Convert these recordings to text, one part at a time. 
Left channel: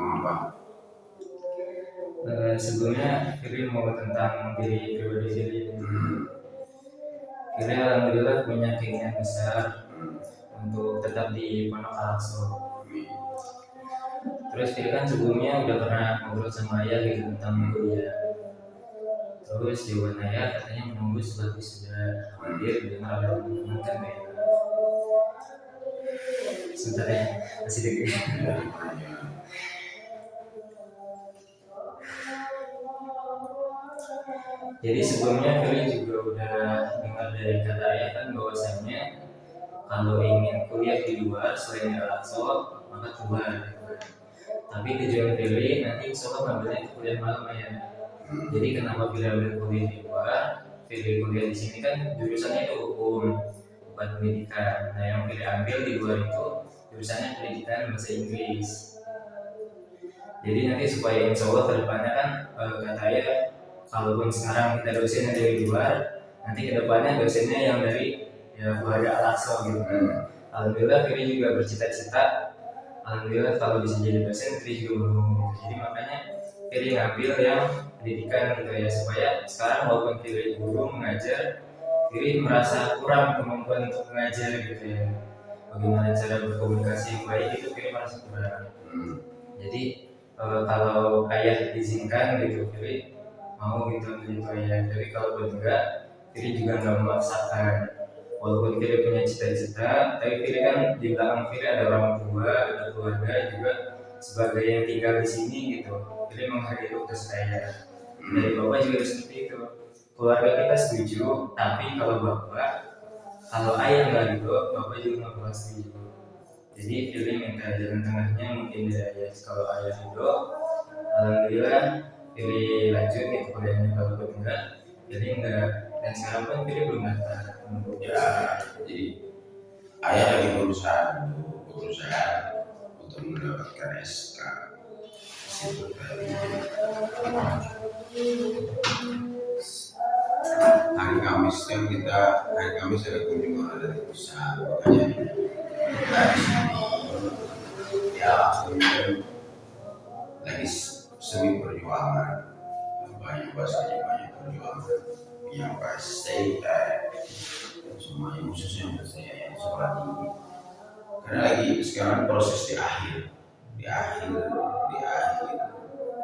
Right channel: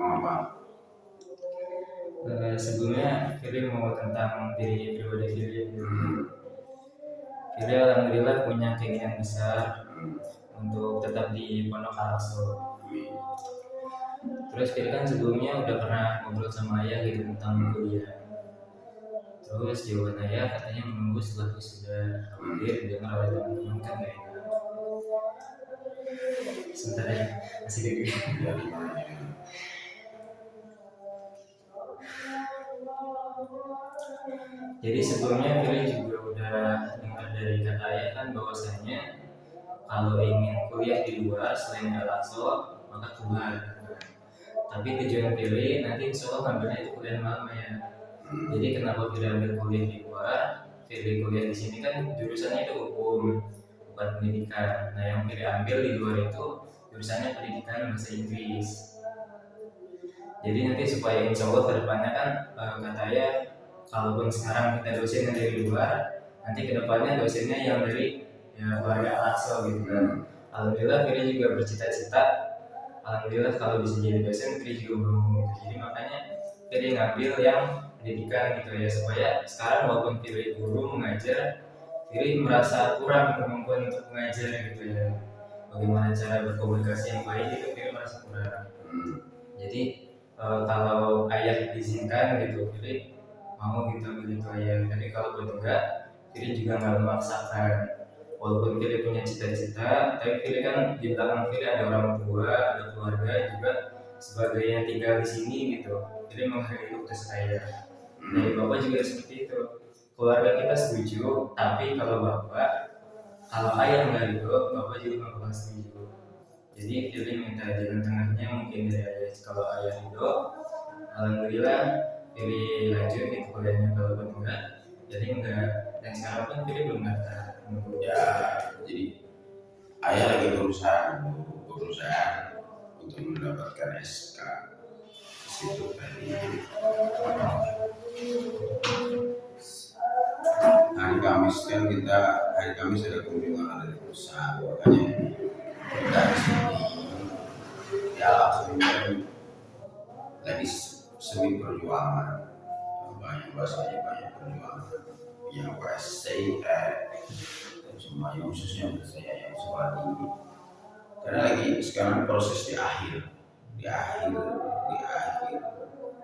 mau apa? Sebelumnya Firly mau tentang diri pribadi Firly. Firly alhamdulillah punya keinginan besar untuk tetap di Pondok Al-Aqsa. Terus Firly kan sebelumnya udah pernah ngobrol sama ayah gitu tentang kuliah. Terus jawaban ayah katanya menunggu setelah wisuda, khawatir didengar oleh teman-teman kan kayak sebentar ya, masih deket. Jadi sebelumnya Firly juga udah dengar dari kata ayah kan bahwasanya kalau ingin kuliah di luar selain di Al-Aqsa maka keluar. Tapi tujuan Firly nanti insya Allah ngambilnya itu kuliah malam ya. Jadi kenapa Firly ambil kuliah di luar? Firly kuliah di sini kan jurusannya itu hukum, bukan pendidikan. Nah yang Firly ambil di luar itu jurusannya pendidikan bahasa Inggris. Jadi nanti supaya insya Allah kedepannya kan kata ayah, kalaupun sekarang kita dosennya dari luar, nanti kedepannya dosennya yang dari keluarga Al-Aqsa gitu. Alhamdulillah Firly juga bercita-cita, alhamdulillah kalau bisa jadi dosen Firly juga mau gitu. Jadi makanya Firly ngambil yang pendidikan gitu ya, supaya sekarang walaupun Firly guru mengajar, Firly merasa kurang kemampuan untuk mengajar gitu ya. Bagaimana cara berkomunikasi yang baik itu Firly merasa kurang. Jadi kalau ayah izinkan gitu Firly mau gitu ambil itu ayah. Jadi kalau buat enggak, Firly juga nggak memaksakan. Walaupun Firly punya cita-cita, tapi Firly kan di belakang Firly ada orang tua, ada keluarga juga sebagai yang tinggal di sini gitu. Firly menghargai tugas ayah. Dari bapak juga seperti itu. Keluarga kita setuju, tapi kalau ayah nggak gitu, bapak juga nggak bakal setuju. Jadi Firly minta jalan tengahnya mungkin dari ayah. Kalau ayah ridho, alhamdulillah Firly lanjut ke kuliahnya. Kalau buat enggak, jadi enggak. Dan sekarang pun Firly belum daftar. Ya, jadi ayah lagi berusaha untuk mendapatkan SK situ tadi. Hari Kamis ada kunjungan dari perusahaan, makanya dari sini ya lagi semi perjuangan, banyak perjuangan yang pasti semuanya khususnya untuk saya yang sekolah tinggi, karena lagi sekarang proses di akhir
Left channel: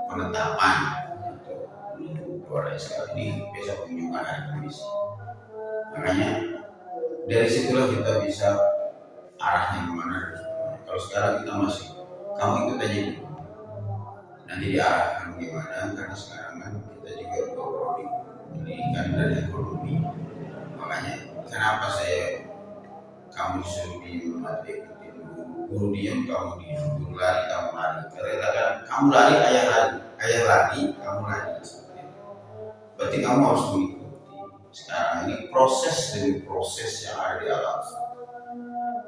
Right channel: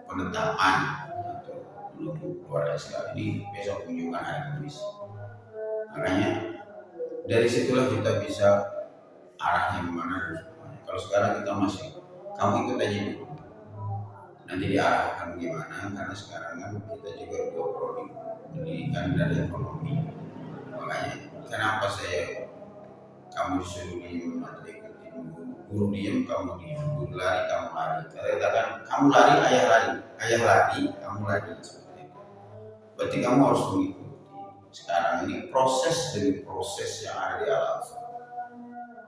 penetapan untuk belum keluar SK. Ini besok kunjungan hari Kamis, makanya dari situlah kita bisa arahnya kemana. Kalau sekarang kita masih kamu ikut aja dulu, nanti diarahkan gimana, karena sekarang kan kita juga dua prodi, pendidikan dan ekonomi. Makanya kenapa kamu disuruh diem atau ikutin guru diem, kamu diem, guru lari kamu lari, katakan kamu lari ayah lari kamu lari, seperti itu. Berarti kamu harus mengikuti. Sekarang ini proses demi proses yang ada di alam,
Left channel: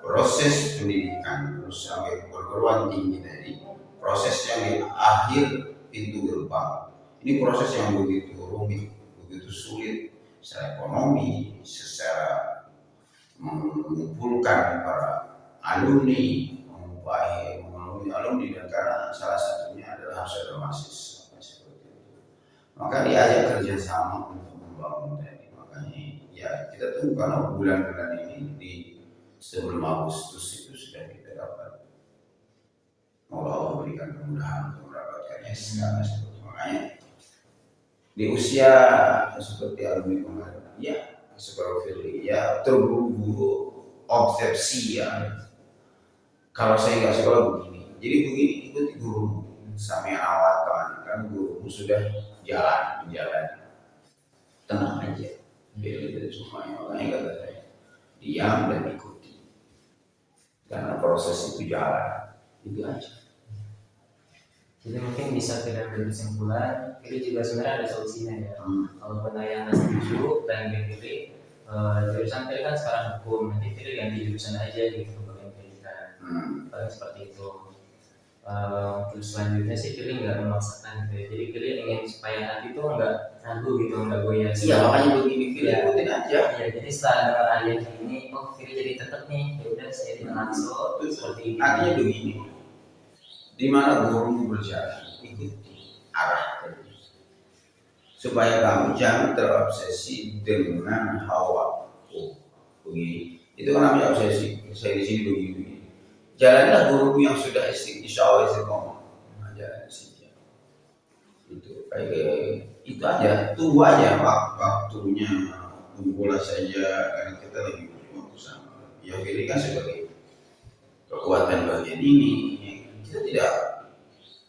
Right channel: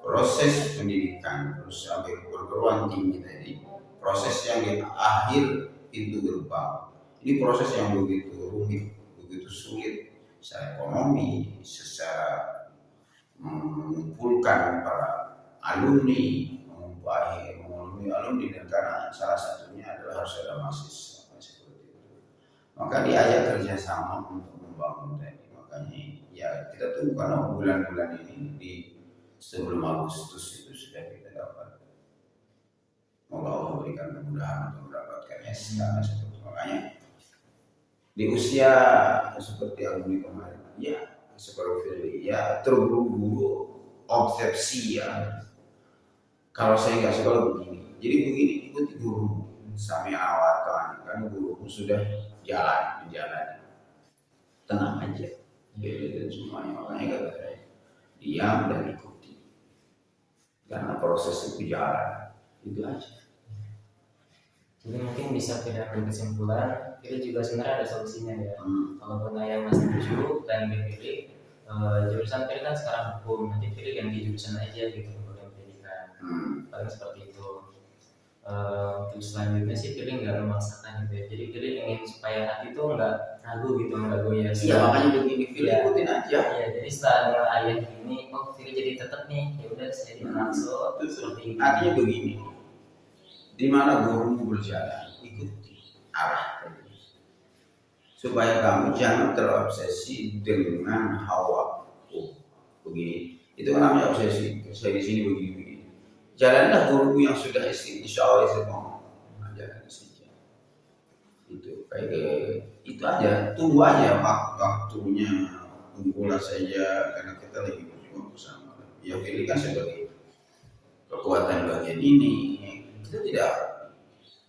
proses pendidikan terus sampai perguruan tinggi tadi, proses yang di akhir pintu gerbang. Ini proses yang begitu rumit, begitu sulit secara ekonomi, secara mengumpulkan para alumni, melalui alumni, dan karena salah satunya adalah harus ada mahasiswa seperti itu. Maka diajak kerjasama untuk membangun tadi. Makanya ya kita tunggu, karena bulan-bulan ini di sebelum Agustus itu sudah kita dapat. Allah berikan kemudahan untuk mendapatkan SK seperti. Makanya di usia seperti alumni kemarin, ya seperti Firly, ya terburu-buru obsesi ya. Kalau saya nggak sekolah begini, jadi begini ikuti guru sampai awal kan guru sudah berjalan, tenang aja, jadi itu semuanya. Makanya kata saya, diam dan ikuti, karena proses itu jalan, itu aja. Jadi mungkin bisa tidak ambil kesimpulan, Firly juga sebenarnya ada solusinya ya. Kalaupun ayah nggak setuju dan Firly jurusan Firly kan sekarang hukum, nanti Firly ganti jurusan aja gitu ke bagian pendidikan. Paling seperti itu. Terus selanjutnya sih Firly nggak memaksakan gitu ya. Jadi Firly ingin supaya hati tuh nggak ragu gitu, nggak goyah. Iya, makanya begini Firly ikutin aja. Iya, jadi setelah dengar ayah ini, Firly jadi tetap nih, ya udah saya di Al-Aqsa seperti ini. Artinya begini, di mana guru berjalan, ikuti arah tadi. Supaya kamu jangan terobsesi dengan hawa. Oh, begini. Itu kan namanya obsesi. Saya di sini begini. Jalanlah guru yang sudah insya Allah istiqomah. Nah, jalan saja. Itu aja. Tunggu aja waktunya. Tunggulah saja karena kita lagi berjuang bersama. Ya ini kan sebagai kekuatan bagian ini kita tidak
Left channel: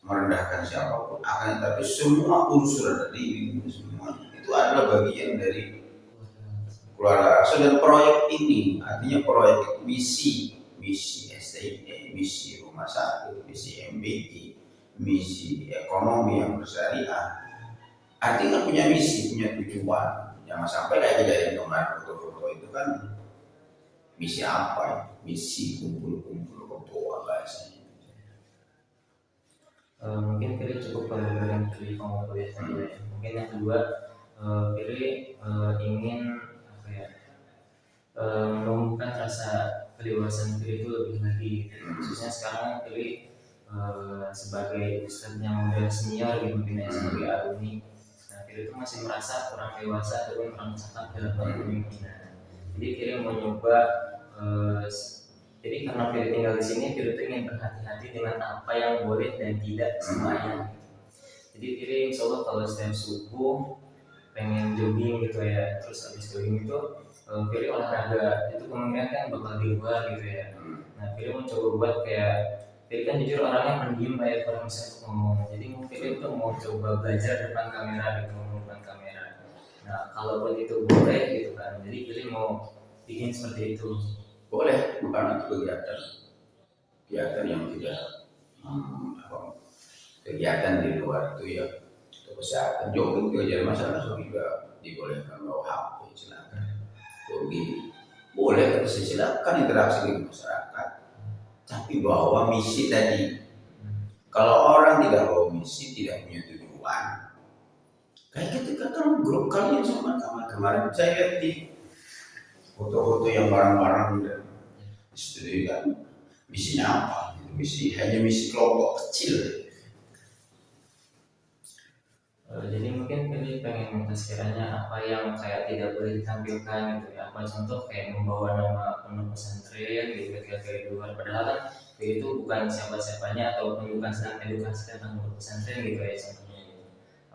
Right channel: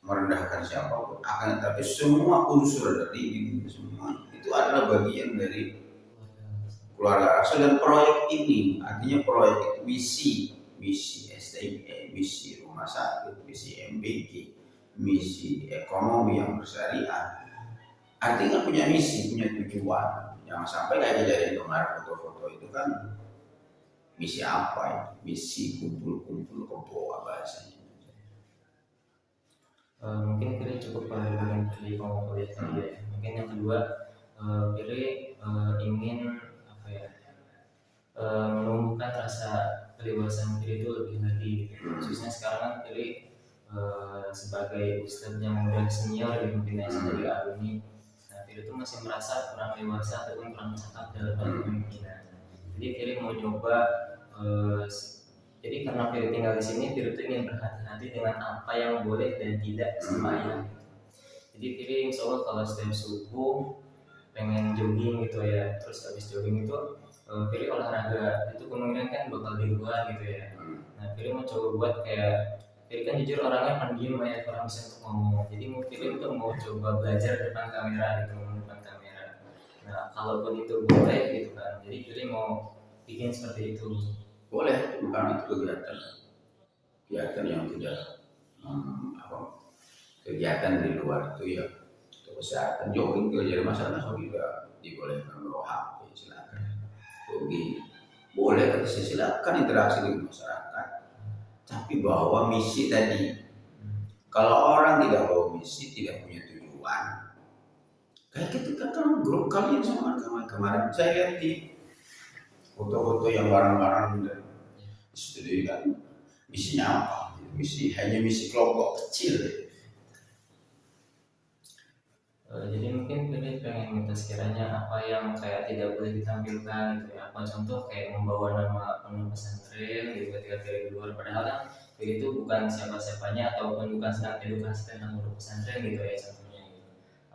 merendahkan siapapun, akan tetapi semua unsur dari ini semua itu adalah bagian dari keluarga Rasul. Dan proyek ini artinya proyek misi STIE, misi rumah sakit, misi MBG, misi ekonomi yang bersyariah, artinya punya misi, punya tujuan. Jangan sampai kayak kejadian kemarin foto-foto itu kan misi apa ya? Misi kumpul-kumpul kebawa bahasanya. Mungkin Fili cukup dengan Fili kuliah tadi ya. Mungkin yang kedua, Fili ingin apa ya, menumbuhkan rasa kedewasaan Fili itu lebih lagi. Khususnya sekarang Fili sebagai ustadz yang udah senior gitu, mungkin ya, sebagai alumni. Nah, Fili itu masih merasa kurang dewasa ataupun kurang cakap dalam pemimpinan. Jadi Fili mau nyoba. Jadi karena Fili tinggal di sini, Fili tuh ingin berhati-hati dengan apa yang boleh dan tidak sama ayah. Jadi Fili insya Allah kalau setiap subuh pengen jogging gitu ya, terus habis jogging itu Fili olahraga, itu kemungkinan kan bakal di luar gitu ya. Nah Fili mau coba buat kayak, Fili kan jujur orangnya pendiam kayak kurang bisa untuk ngomong. Jadi mau Fili tuh mau coba belajar depan kamera gitu, ngomong depan kamera. Nah kalaupun itu boleh gitu kan, jadi Fili mau bikin seperti itu. Boleh, bukan itu kegiatan yang tidak kegiatan di luar itu ya untuk kesehatan. Jogging juga jadi masalah, juga dibolehkan bawa HP, silakan. Jogging boleh, silakan interaksi dengan masyarakat. Tapi bawa misi tadi. Kalau orang tidak bawa misi, tidak punya tujuan. Kayak ketika kan grup kalian sama kemarin saya lihat di foto-foto yang bareng-bareng dan studi kan misinya apa? Hanya misi kelompok kecil. Jadi mungkin Fili pengen minta sekiranya apa yang kayak tidak boleh ditampilkan gitu ya. Apa contoh kayak membawa nama pondok pesantren gitu ketika Fili keluar. Padahal kan Fili itu bukan siapa-siapanya ataupun bukan sedang edukasi tentang pondok pesantren gitu ya contohnya gitu.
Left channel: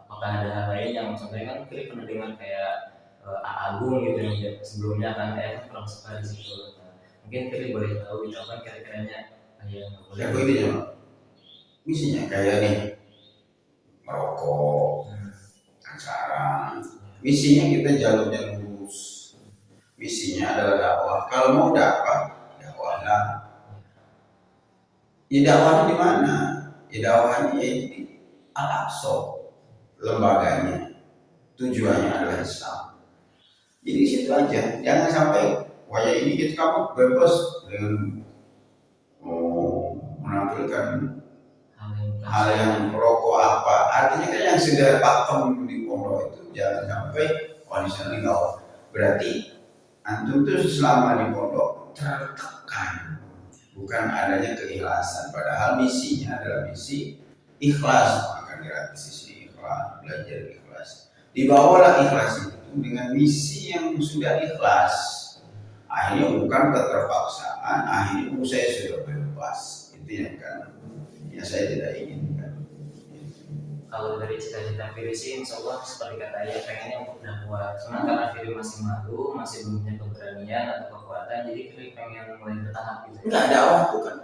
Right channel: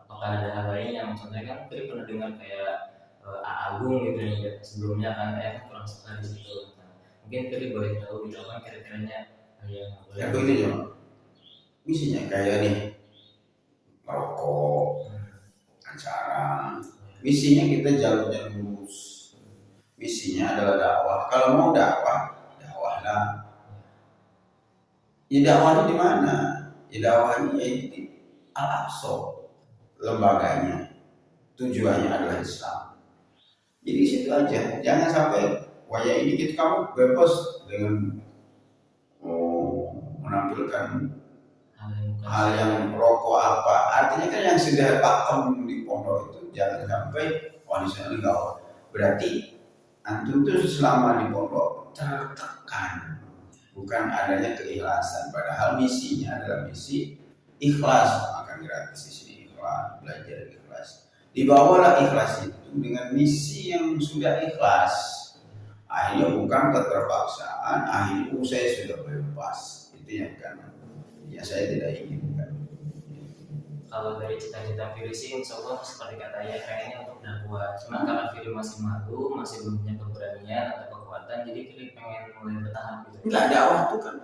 Apakah ada hal lain yang contohnya kan Fili pernah dengar kayak Agung gitu yang sebelumnya kan kurang suka di situ. Mungkin Fili boleh tahu gitu apa kira-kiranya yang boleh. Kayak ini ya, misinya kayak nih merokok, acara. Misinya kita jalurnya lurus. Misinya adalah dakwah. Kalau mau dakwah lah. Ya dakwahnya di mana? Ya dakwahnya di Al-Aqsa, lembaganya. Tujuannya adalah Islam. Jadi situ aja. Jangan sampai wajah ini gitu kamu bebas dengan menampilkan hal yang merokok apa. Artinya kan yang sudah pakem di pondok itu jangan sampai di sana gaul. Berarti antum tuh selama di pondok tertekan, bukan adanya keikhlasan. Padahal misinya adalah misi ikhlas, makan gratis di sini ikhlas, belajar ikhlas. Dibawalah ikhlas itu dengan misi yang sudah ikhlas. Akhirnya bukan keterpaksaan, akhirnya saya sudah bebas. Itu yang kan ya saya tidak inginkan. Kalau dari cita-cita Fili sih insya Allah seperti kata ayah pengennya untuk dakwah. Cuma karena Fili masih malu, masih belum punya keberanian atau kekuatan, jadi Fili pengen mulai bertahap gitu. Enggak, dakwah itu kan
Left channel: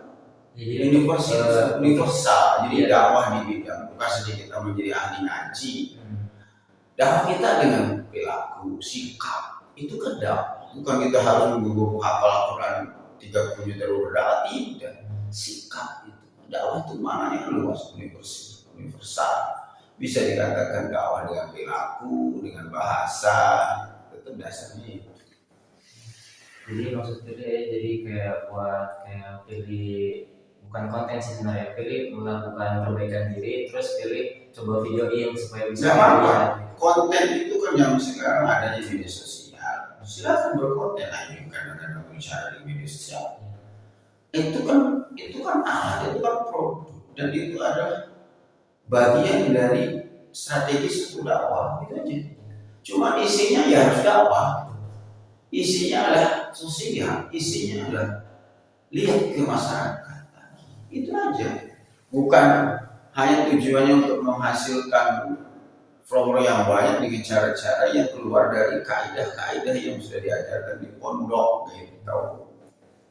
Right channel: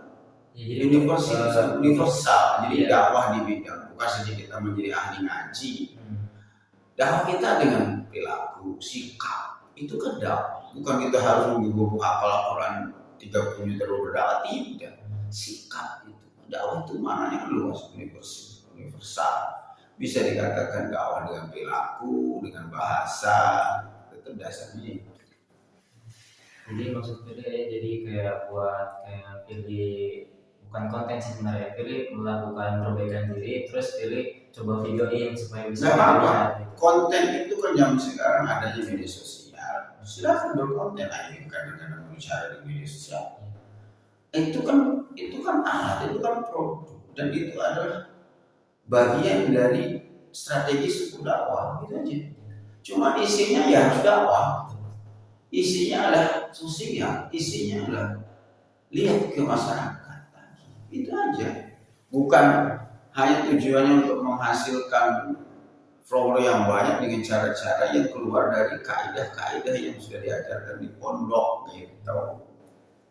ya, jadi universal. Jadi iya. Dakwah di bidang bukan saja kita menjadi ahli ngaji. Dakwah kita dengan perilaku, sikap itu kan dakwah. Bukan kita harus menggugur hafal Al-Quran 30 juta berdakwah, tidak. Sikap itu, dakwah itu maknanya luas, universal. Bisa dikatakan dakwah dengan perilaku, dengan bahasa, tetap dasarnya. Jadi maksud Fili jadi kayak buat kayak Fili bukan konten sih sebenarnya, Fili melakukan perbaikan diri, terus Fili coba videoin supaya bisa. Konten itu kan zaman sekarang adanya media sosial. Silakan berkonten aja karena bicara di media sosial. Itu kan alat, itu kan produk. dan itu adalah bagian dari strategis untuk dakwah, itu aja. Cuma isinya ya harus dakwah, isinya adalah sosial, isinya adalah lihat ke masyarakat, itu aja. Bukan hanya tujuannya untuk menghasilkan follower yang banyak dengan cara-cara yang keluar dari kaidah-kaidah yang sudah diajarkan di pondok gitu.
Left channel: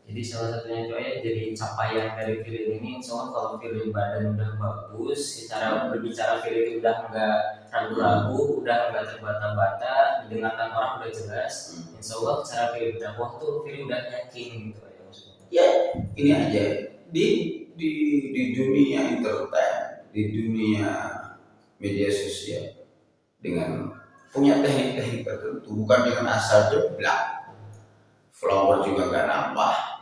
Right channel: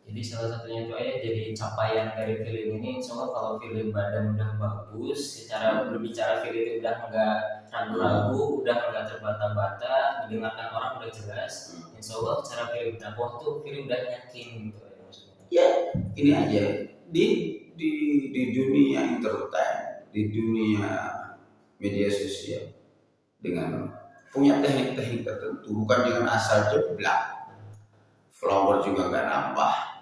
Jadi salah satunya itu ya, jadi capaian dari film ini, soal kalau film badan udah bagus, secara berbicara film itu udah nggak ragu-ragu, udah nggak terbata-bata, didengarkan orang udah jelas. Insya Allah secara film dakwah tuh film udah yakin gitu ya maksudnya. Ya ini aja di dunia entertain, di dunia media sosial dengan punya teknik-teknik tertentu, bukan dengan asal jeblak, follower juga nggak nambah,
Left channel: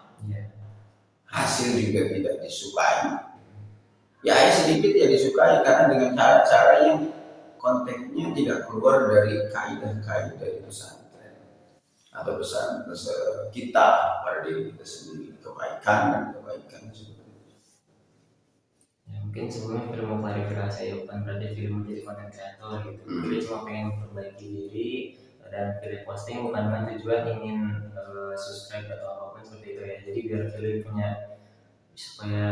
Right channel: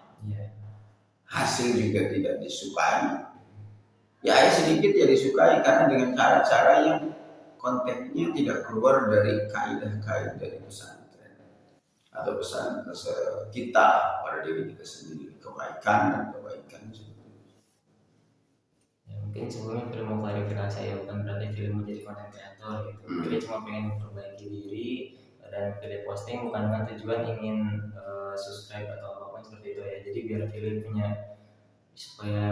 hasil juga tidak disukai. Ya sedikit ya disukai karena dengan cara-cara yang konteksnya tidak keluar dari kaidah-kaidah dari pesantren atau pesan kita pada diri kita sendiri, kebaikan dan kebaikan. Ya, mungkin sebelumnya film mau klarifikasi ya, bukan berarti film menjadi konten kreator gitu. Kita cuma pengen memperbaiki diri dan film posting bukan dengan tujuan ingin subscribe atau apapun seperti itu ya. Jadi biar film punya supaya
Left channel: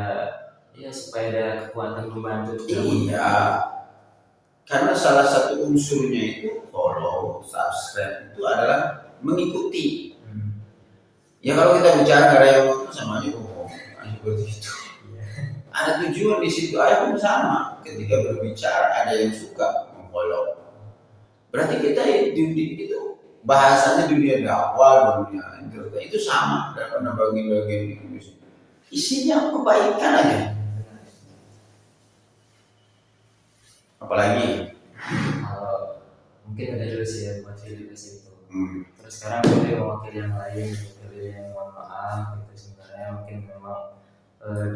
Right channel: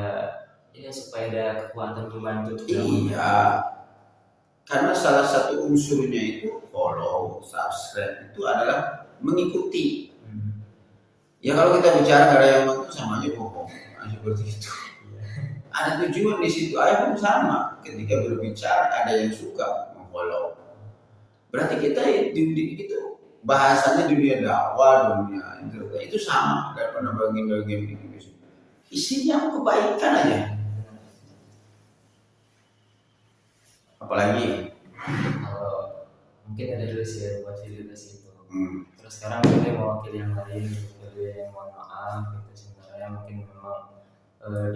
ada kekuatan membantu. Iya, karena salah satu unsurnya itu follow, subscribe itu adalah mengikuti. Ya kalau kita bicara ada yang itu sama aja bohong, seperti itu. Ada tujuan di situ aja pun sama. Ketika berbicara ada yang suka memfollow. Berarti kita itu bahasanya dunia dakwah, dunia internet itu sama dalam bagian-bagian itu. Isinya kebaikan aja. Apalagi kalau mungkin ada dulu sih ya buat film ke situ. Terus sekarang dia mewakili yang lain, pilih yang mohon maaf gitu. Sebenarnya mungkin memang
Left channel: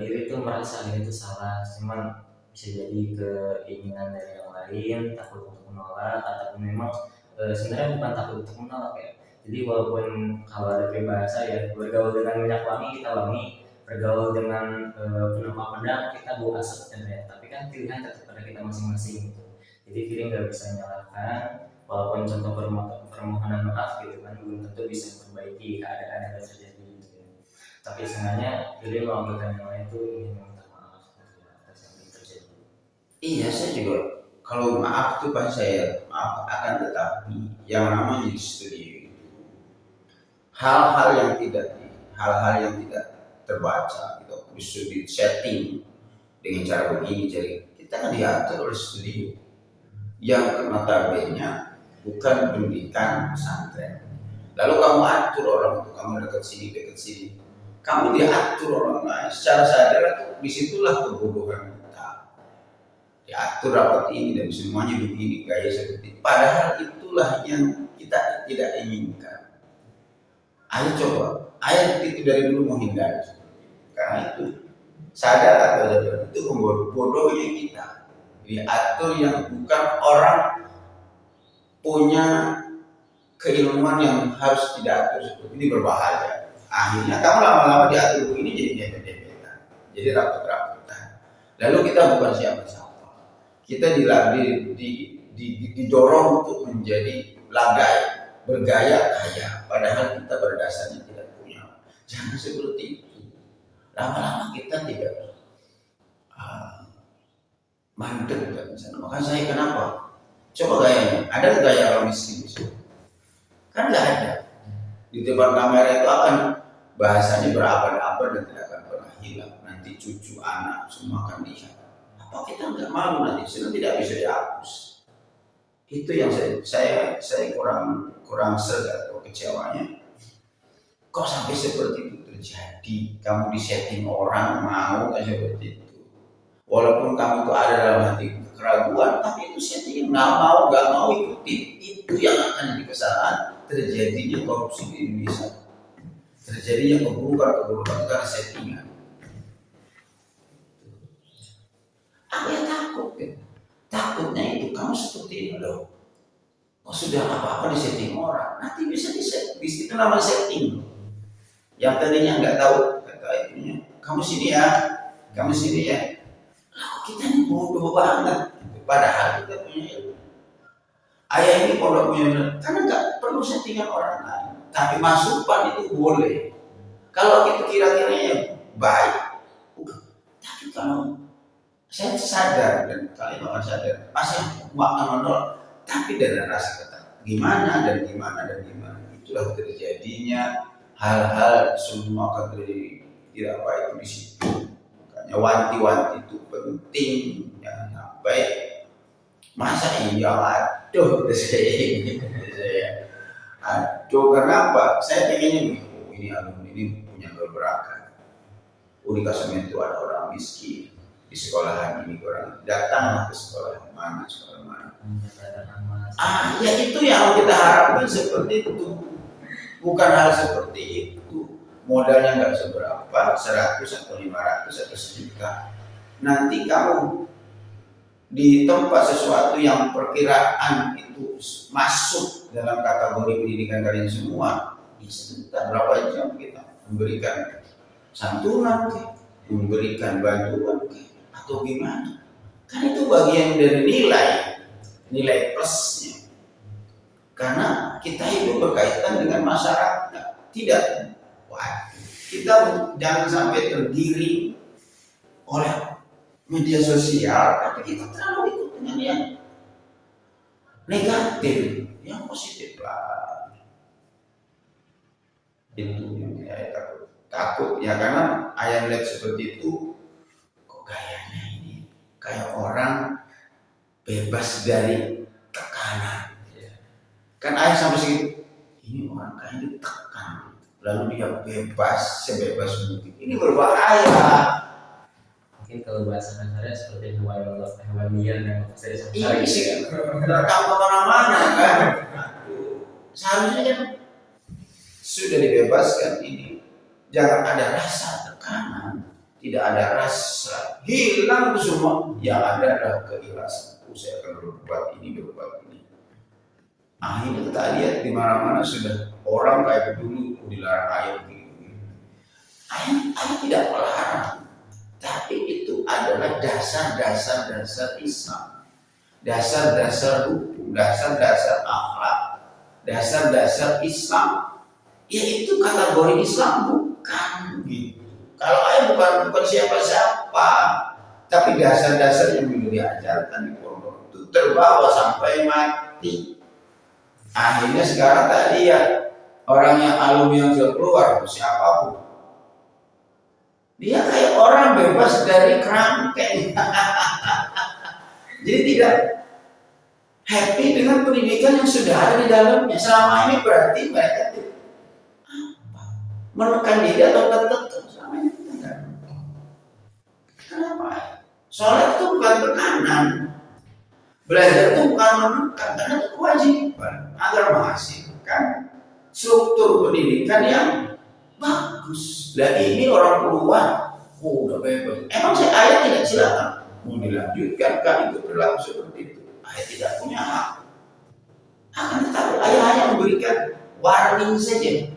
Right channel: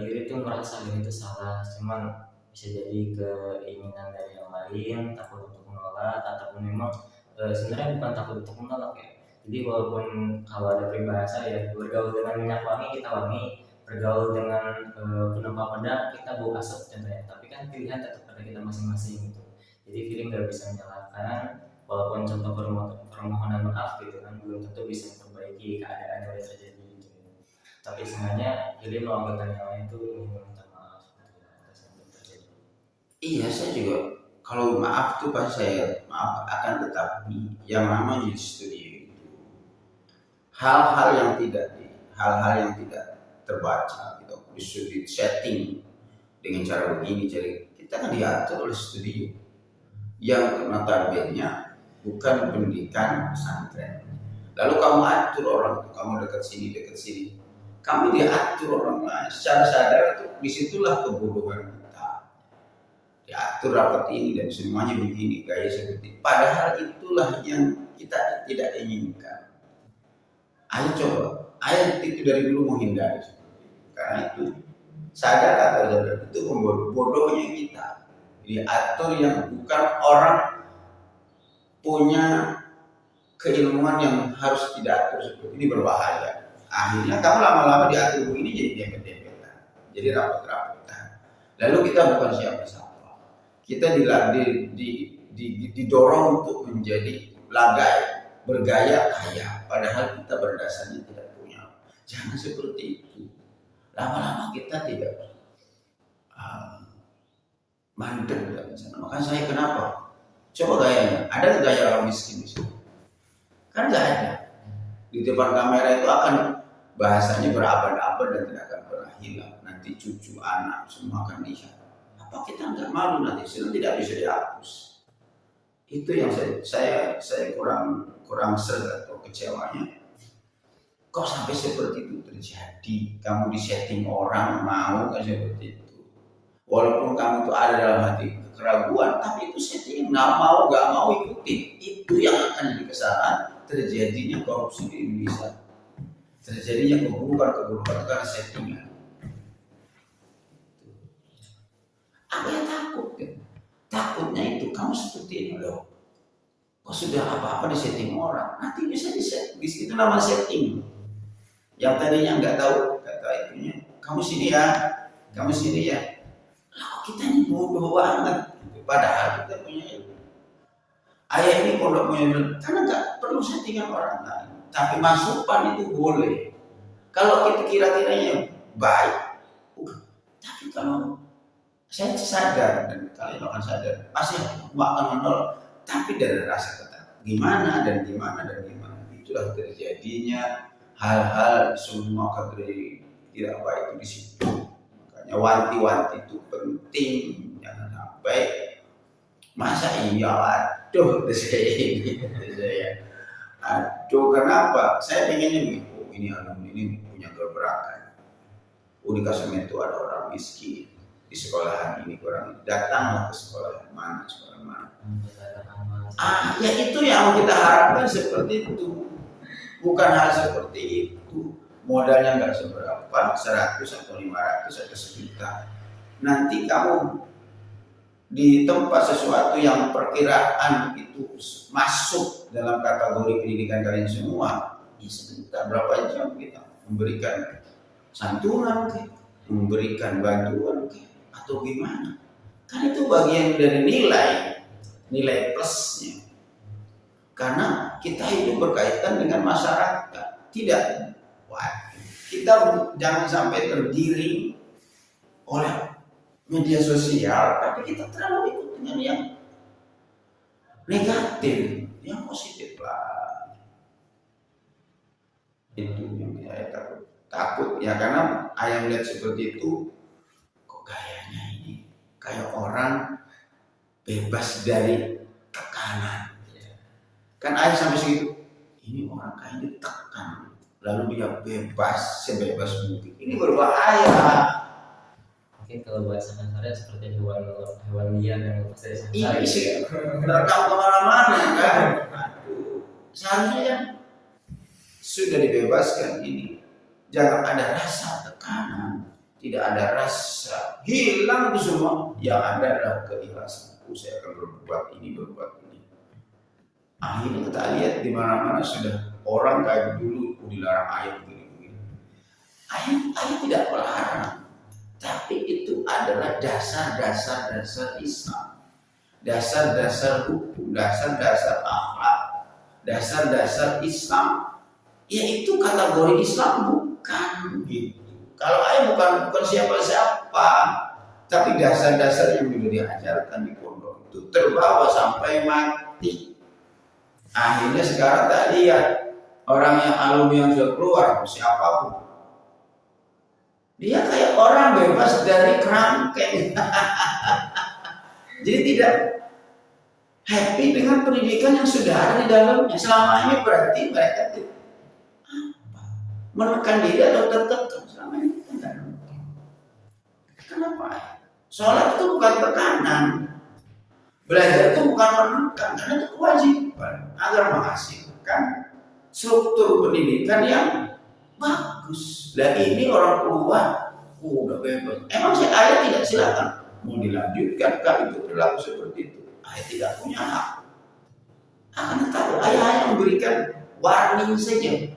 diri tuh merasa ini tuh salah, cuman bisa jadi keinginan dari yang lain, takut untuk menolak, ataupun memang sebenarnya bukan takut untuk menolak ya. Jadi walaupun kalau ada peribahasa ya, bergaul dengan minyak wangi kita wangi, bergaul dengan penumpang pedang kita bau asap contohnya. Tapi kan pilihan tetap pada kita masing-masing gitu. Jadi feeling nggak bisa menyalahkan, walaupun contoh permohonan maaf gitu kan belum tentu bisa memperbaiki keadaan yang terjadi gitu ya. Tapi sebenarnya feeling mewakilkan yang lain itu ingin meminta maaf gitu ya, atas yang terjadi. iya, saya juga kalau maaf tuh pasti saya maaf, akan tetapi yang namanya di studio itu hal-hal yang tidak terbaca gitu, disuruh setting dengan cara begini, jadi kita kan diatur oleh studio yang notabene bukan pendidikan pesantren. Lalu kamu atur orang itu, kamu dekat sini, kamu diatur orang lain secara sadar, itu disitulah kebodohan kita. Diatur rapat ini dan semuanya begini, gaya seperti. Padahal itulah yang kita tidak inginkan. Ayo coba, ayo itu dari dulu menghindari. Karena itu sadar atau sadar itu bodohnya kita. Diatur yang bukan orang punya keilmuan yang harus diatur seperti ini, berbahaya. Akhirnya kamu lama-lama diatur begini jadi dempet-dempetan, jadi rapet-rapetan. Lalu kita bukan siapa-siapa. Kita didorong untuk menjadi lagai, bergaya kaya, padahal kita berdasarnya tidak punya. Jangan seperti itu. Lama-lama kita tidak mandek dan sana. Makanya saya kenapa? Coba gayanya, ada nggak gaya orang miskin di sini? Kan nggak ada. Di depan kamera itu akan bahasanya berabad-abad dan tidak akan pernah hilang. Nanti cucu, anak semua akan lihat. Apa kita nggak malu nanti? Sudah tidak bisa dihapus. Itu yang saya kurang serga atau kecewanya. Kok sampai seperti itu terjadi? Kamu disetting orang mau kan seperti itu. Walaupun kamu itu ada dalam hati keraguan, tapi itu setting nggak mau ikutin. Itu yang akan jadi kesalahan, terjadinya korupsi di Indonesia, terjadinya keburukan karena settingan. Apa yang takut? Takutnya itu kamu seperti ini loh. Oh sudah apa-apa di setting orang, nanti bisa di situ nama setting. Yang tadinya nggak tahu kata itunya, kamu sini ya. kita ini bodoh banget. Padahal kita punya ilmu. Ayah ini kalau nggak punya ilmu, karena nggak perlu settingan orang lain. Tapi masukan itu boleh. Kalau kita kira-kiranya baik, tapi kalau saya sadar dan kalian akan sadar, pasti akan menolak. Tapi dari rasa kata gimana dan gimana dan gimana, itulah terjadinya hal-hal semua akan terjadi tidak baik di situ. Makanya wanti-wanti itu penting, jangan sampai masa iya aduh saya ini saya aduh kenapa saya pengennya nih ini alumni ini punya gebrakan. Di Kasem itu ada orang miskin di sekolahan ini, orang datanglah ke sekolah mana. Ya itu yang kita harapkan seperti itu, bukan hal seperti itu. Modalnya nggak seberapa, 100 atau 500 atau sejuta. Nanti kamu di tempat sesuatu yang perkiraan itu masuk dalam kategori pendidikan kalian semua, sebentar berapa jam kita memberikan santunan, memberikan bantuan, atau gimana? Kan itu bagian dari nilai plusnya. Karena kita hidup berkaitan dengan masyarakat, tidak kita jangan sampai terdiri oleh media sosial, tapi kita terlalu ikut dengan yang negatif, yang positif lah. Itu yang saya takut ya, karena ayah melihat seperti itu, kok gayanya ini kayak orang bebas dari tekanan. Kan ayah sampai segitu, ini orang kayak ditekan, lalu dia bebas sebebas mungkin. Ini berbahaya. Mungkin kalau bahasa kasarnya seperti hewan liar yang lepas dari samsara. Ini sih terekam kemana-mana kan. Seharusnya kan sudah dibebaskan ini. Jangan ada rasa tekanan, tidak ada rasa hilang itu semua. Yang ada adalah keikhlasan. Saya akan berbuat ini. Akhirnya kita lihat di mana-mana sudah orang kayak dulu dilarang ayat begini. Ayat tidak melarang. Tapi itu adalah dasar-dasar Islam, dasar-dasar hukum, dasar-dasar akhlak, dasar-dasar Islam. Yaitu kategori Islam bukan gitu. Kalau ayat bukan siapa-siapa, tapi dasar-dasar yang dulu diajarkan di pondok itu terbawa sampai mati. Akhirnya sekarang tadi ya orang yang alumni yang sudah keluar siapapun, dia kayak orang bebas dari kerangkeng. Jadi tidak happy dengan pendidikan yang sudah ada di dalamnya. Selama ini berarti mereka menekan diri atau tertekan. Selama ini tidak. Kenapa? Sholat itu bukan tekanan, belajar itu bukan menekan, karena itu kewajiban agar menghasilkan struktur pendidikan yang bagus. Lagi ini orang keluar, udah bebas. Emang ayah tidak silakan mau dilanjutkan kan itu berlaku seperti itu. Ayah tidak punya hak. Akan tetapi ayah hanya memberikan warning saja.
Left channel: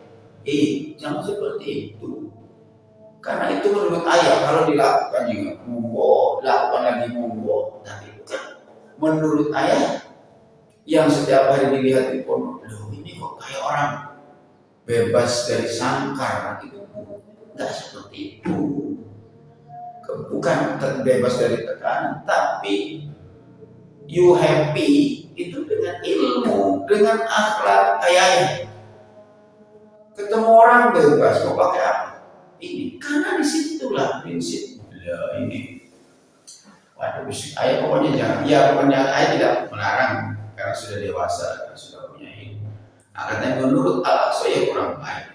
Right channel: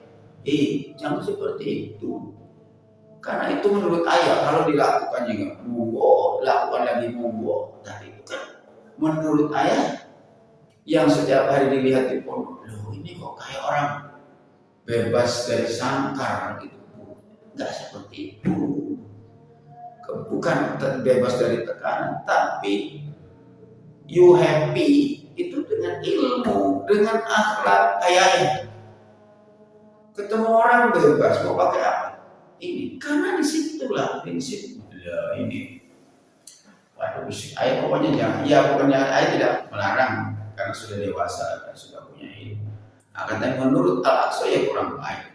Jangan seperti itu. Karena itu menurut ayah kalau dilakukan juga monggo, lakukan lagi monggo. Tapi bukan menurut ayah yang setiap hari dilihat di pondok. Loh ini kok kayak orang bebas dari sangkar gitu. Enggak seperti itu. Bukan bebas dari tekanan, tapi you happy itu dengan ilmu, dengan akhlak. Ayah ketemu orang bebas mau pakai apa? Ini karena disitulah prinsip. Ya ini. Waduh, ayah pokoknya jangan. Ya pokoknya ayah tidak melarang karena sudah dewasa, sudah punya ilmu. Akan tapi menurut Al-Aqsa ya kurang baik.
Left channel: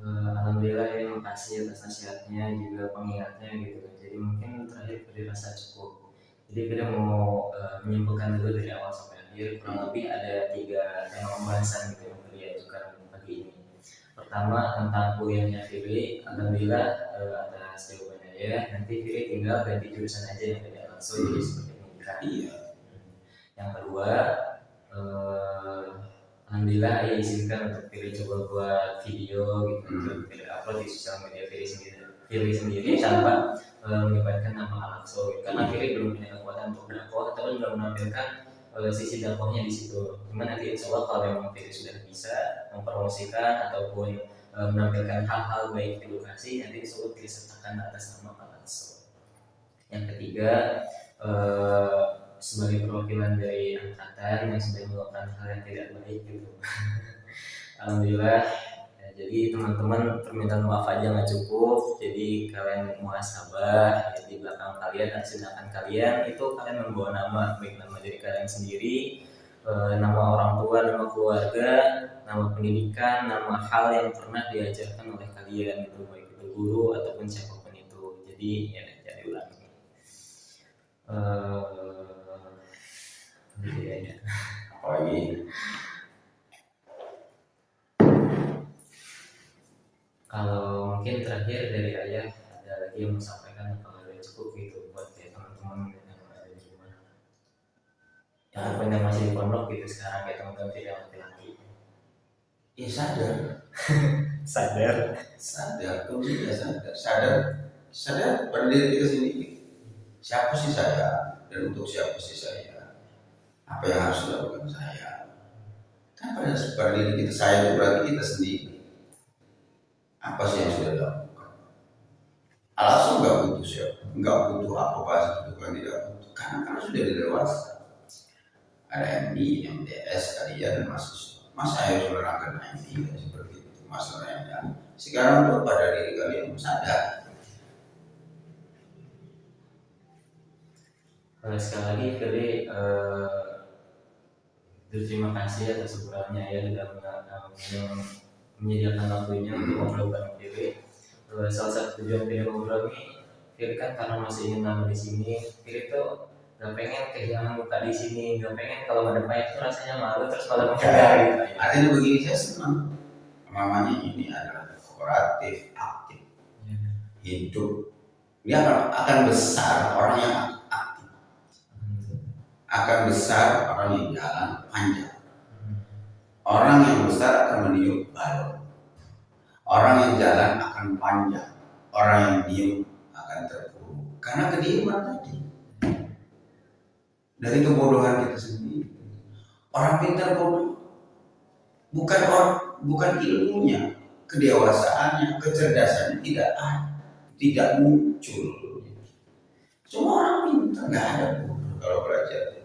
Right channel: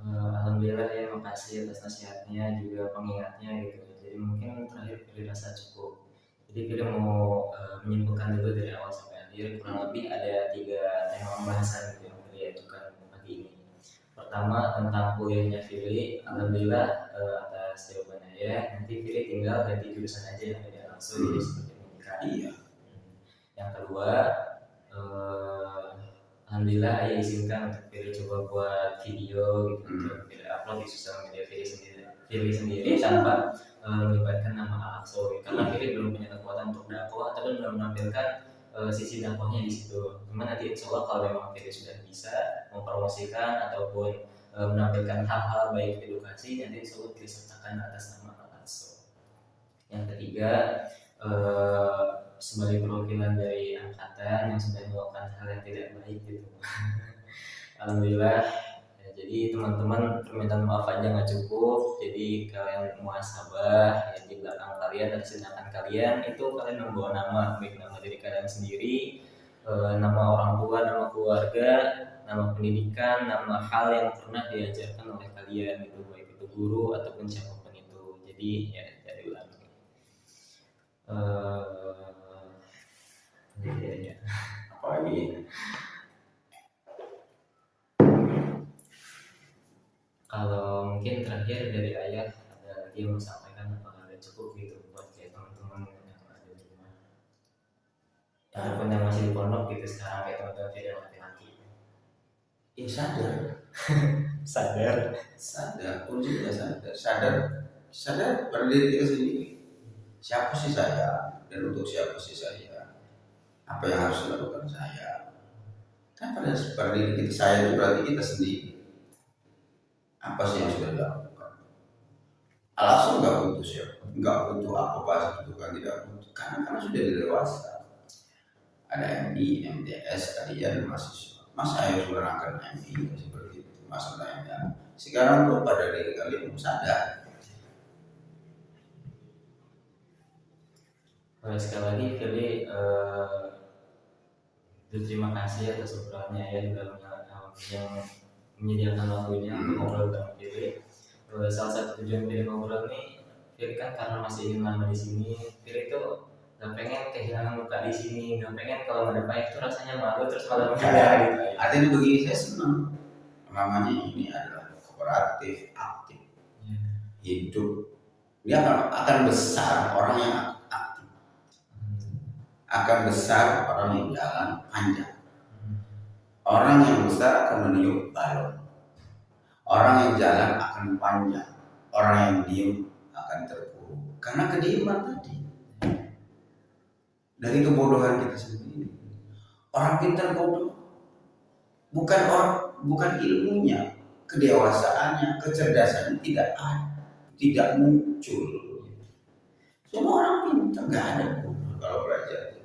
Alhamdulillah ya, makasih atas nasihatnya juga pengingatnya gitu. Jadi mungkin terakhir Firi rasa cukup. Jadi Firi mau menyimpulkan dulu dari awal sampai akhir. Kurang lebih ada 3 tema pembahasan gitu yang Firi ajukan pagi ini. Pertama tentang kuliahnya Firi. Alhamdulillah atas jawabannya ya. Nanti Firi tinggal ganti jurusan aja yang tadi Al-Aqsa jadi seperti pendidikan. Iya. Yang kedua alhamdulillah ya izinkan untuk Firi coba buat video gitu, untuk Firi upload di sosial media Firi sendiri tanpa melibatkan nama Al-Aqsa gitu. Karena Fili belum punya kekuatan untuk dakwah ataupun belum menampilkan sisi dakwahnya di situ. Cuman nanti insya Allah kalau memang Fili sudah bisa mempromosikan ataupun menampilkan hal-hal baik edukasi, nanti insya Allah Fili sertakan atas nama Al-Aqsa. Yang ketiga, sebagai perwakilan dari angkatan yang sudah melakukan hal yang tidak baik gitu. Alhamdulillah ya, jadi teman-teman permintaan maaf aja nggak cukup, jadi kalian muhasabah ya, di belakang kalian dan sedangkan kalian itu kalian membawa nama, baik nama diri kalian sendiri, nama orang tua, nama keluarga, nama pendidikan, nama hal yang pernah diajarkan oleh kalian gitu, baik itu guru ataupun siapapun itu. Jadi ya jadi ulangi. Ya. Apalagi kalau mungkin terakhir dari ayah ada lagi yang mau sampaikan, apakah udah cukup gitu buat kayak teman-teman yang ada di rumah ataupun yang masih di pondok gitu sekarang kayak teman-teman yang laki-laki ya sadar kuncinya sadar pada diri kita sendiri. Siapa sih saya dan untuk siapa sih saya? Apa yang harus dilakukan saya? Kan pada diri kita saya itu berarti kita sendiri. Apa sih yang sudah dilakukan? Alasan nggak butuh siapa, nggak butuh apa itu kan tidak butuh karena sudah dewasa. Ada MD, MTS, kalian mahasiswa. Masa harus menerangkan MD seperti itu? Masalahnya sekarang tuh pada diri kalian sadar. Sekali lagi Fili berterima kasih atas obrolannya ya, sudah menyediakan waktunya untuk ngobrol bareng Fili. Salah satu tujuan Fili ngobrol ini, Fili kan karena masih ingin lama di sini, Fili tuh gak pengen kehilangan muka di sini, gak pengen kalau ngadepnya itu rasanya malu terus malah menghindar gitu. Artinya begini, saya senang. Namanya ini adalah kooperatif, aktif, hidup. Dia akan besar orang yang aktif, akan besar orang yang jalan panjang. Orang yang besar akan meniup balon. Orang yang jalan akan panjang. Orang yang diem akan terpuruk. Karena kediaman tadi. Dari kebodohan kita sendiri. Orang pintar bodoh. Bukan ilmunya, kedewasaannya, kecerdasannya tidak ada, tidak muncul. Cuma orang pintar nggak ada bodoh kalau belajar.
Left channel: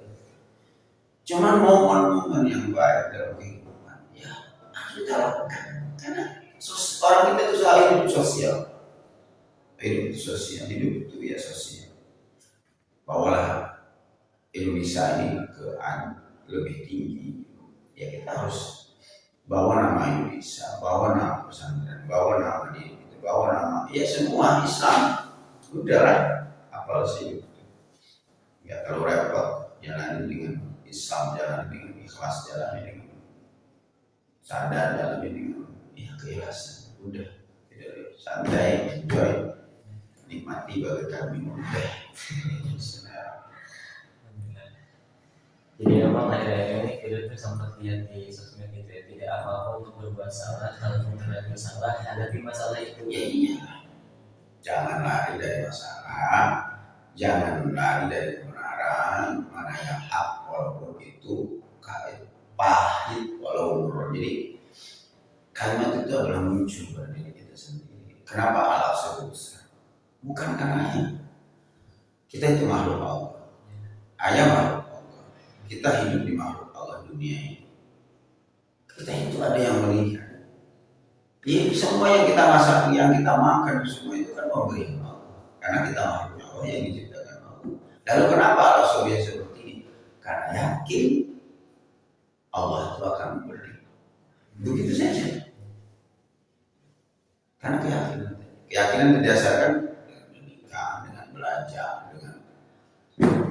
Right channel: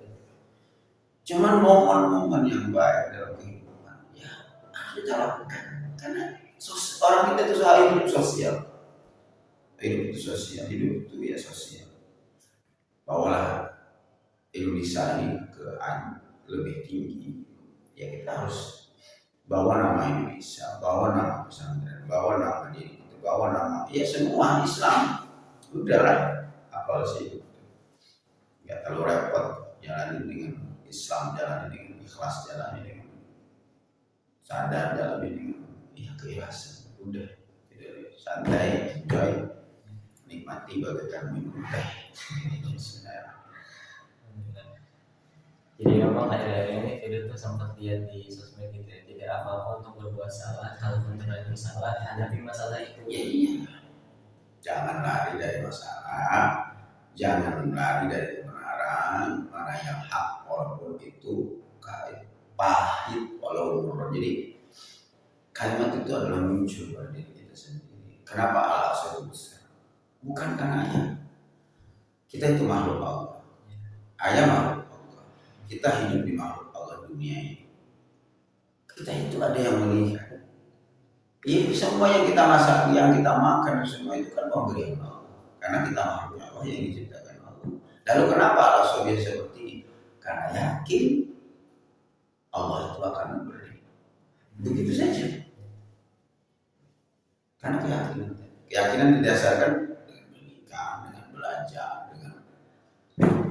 Cuma momen-momen yang baik dalam kehidupan, ya harus kita lakukan. Karena orang kita itu soal hidup sosial, hidup itu ya sosial. Bawalah Indonesia ini ke lebih tinggi, ya kita harus bawa nama Indonesia, bawa nama pesantren, bawa nama diri kita, bawa nama ya semua Islam. Udahlah, apal sih nggak terlalu repot, jalani dengan Islam, jalani dengan ikhlas, jalani dengan sadar, jalani dengan keikhlasan. Udah, tidak santai, enjoy, nikmati bagaikan minum teh. Jadi memang akhir-akhir ini video tuh sempat lihat di sosmed gitu ya, tidak apa-apa untuk berbuat salah, kalaupun terjadi salah, hadapi masalah itu. Ya iya, jangan lari dari masalah, jangan lari dari kebenaran, mana yang hak walaupun itu pahit walaupun. Jadi kalimat itu adalah muncul pada diri kita sendiri. Kenapa Al-Aqsa besar? Bukan karena ayah. Kita itu makhluk Allah. Ayah makhluk. Kita hidup di makhluk Allah dunia ini. Kita itu ada yang melihat. Ya, semua yang kita masak, yang kita makan, semua itu kan pemberian Allah. Karena kita makhluk Allah yang diciptakan Allah. Lalu kenapa Allah seperti ini? Karena yakin Allah itu akan memberi. Begitu saja. Karena keyakinan berdasarkan dengan menikah, dengan belajar, dengan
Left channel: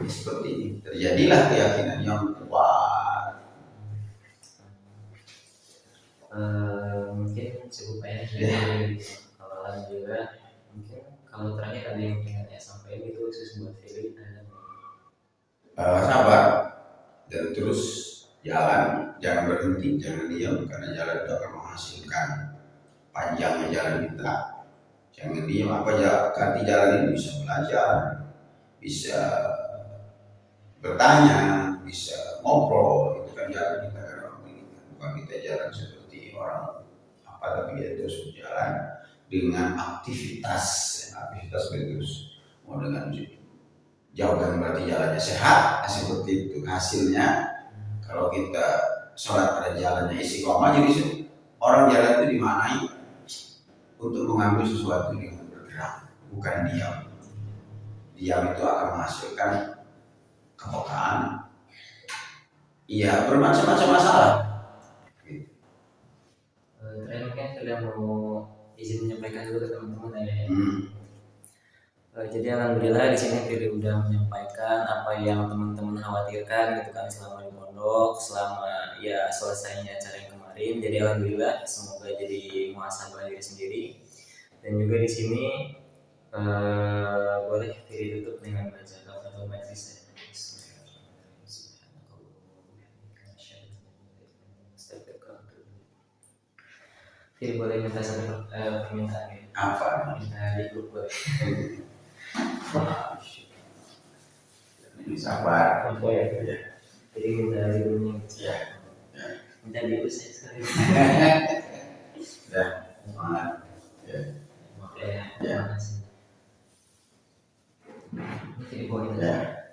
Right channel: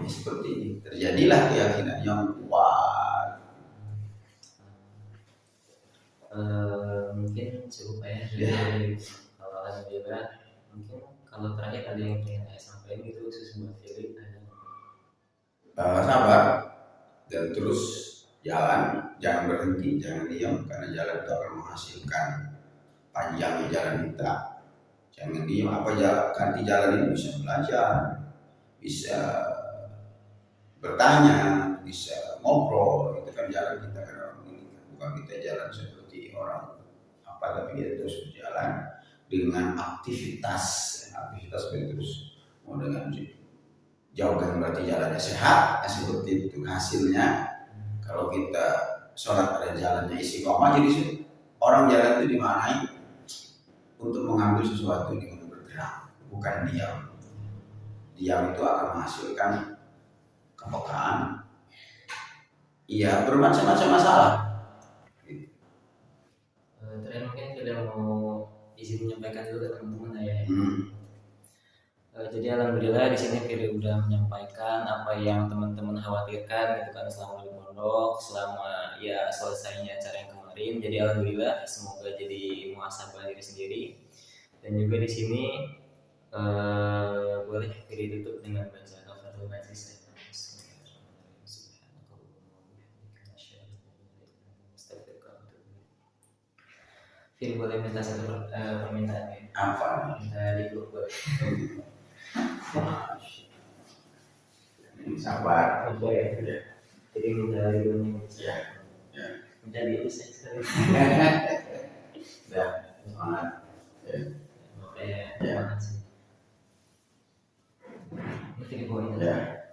seperti ini. Terjadilah keyakinan yang kuat. Mungkin cukup ya dari kalau alhamdulillah. Mungkin kalau terakhir ada yang ingin saya sampaikan itu khusus buat Fili sabar dan terus jalan, jangan berhenti, jangan diam, karena jalan itu akan menghasilkan panjangnya jalan kita. Jangan diam, apa aja ganti jalan ini bisa belajar, bisa bertanya, bisa ngobrol. Itu kan jalan kita kan orang ini, bukan kita jalan seperti orang apa, tapi ya terus berjalan dengan aktivitas terus. Mau dengan jauh kan berarti jalannya sehat, seperti itu hasilnya. Kalau kita sholat pada jalannya istiqomah, jadi orang jalan itu dimaknai untuk mengambil sesuatu dengan bergerak, bukan diam. Diam itu akan menghasilkan kepekaan, iya bermacam-macam masalah. Terakhir mungkin sudah mau izin menyampaikan dulu ke teman-teman ya. Jadi alhamdulillah di sini Firly udah menyampaikan apa yang teman-teman khawatirkan gitu kan selama di pondok, selama ya selesainya acara yang kemarin. Jadi alhamdulillah semoga jadi muhasabah diri sendiri. Dan juga di sini boleh Firly tutup dengan baca kafaratul majlis. Firly boleh minta satu permintaan ya? Apa? Minta dipeluk boleh. Ini sabar. Apa ya? Jadi minta dipeluk. Ya. Minta diusir sekali. Dah. Semangat. Ya. Makasih. Ini Firly boleh minta.